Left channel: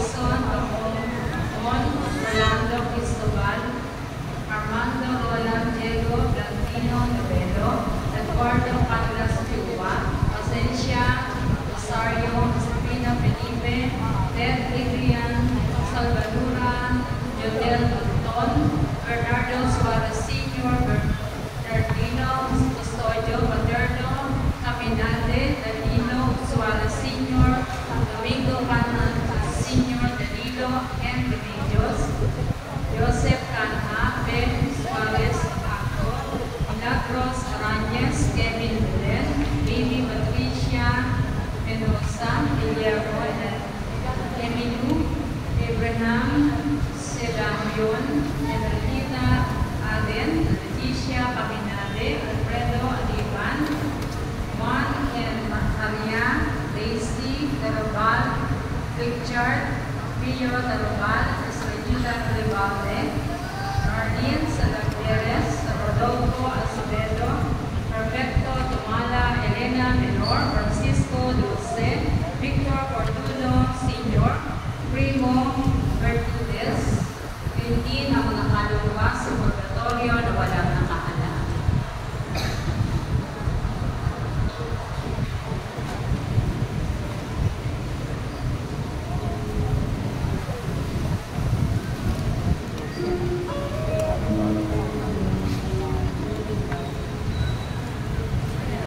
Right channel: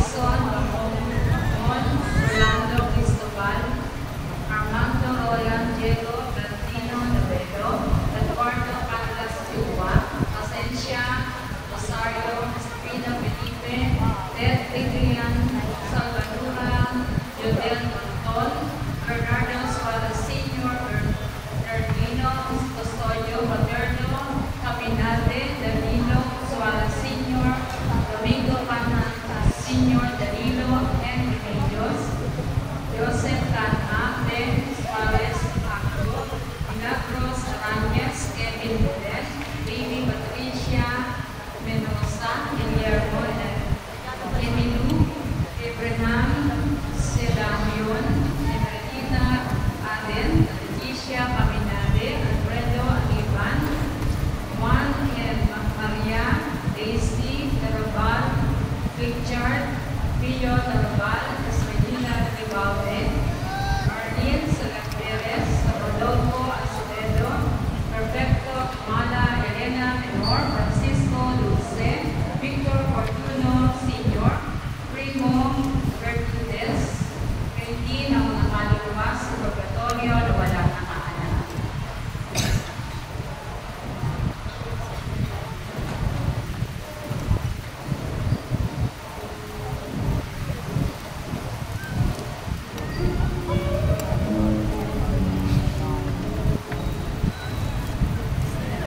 Son Orlando Cristobal, Armando Roland Diego Plantino Novedo, Eduardo Carlos Cuba, Asencia Rosario Sabrina Felipe, Ted Adrian Salvadora, Jodel Anton, Bernardo Suarez Sr., Bernardino Custodio Paterno, Caminade Danilo Suarez Sr., Domingo Panan Sr. Danilo and Remedios, Joseph Canha, Ben Suarez Acto, Milagros Aranez, Kevin Mulet, Baby Patricia Menosa, Guillermo Emilu, Abraham Sedamion, Enriqueta Aden, Leticia Paminade, Alfredo Aliban, Juan and Maria, Daisy Darabal, Richard Pio Darabal, Esmeralda Rivalde,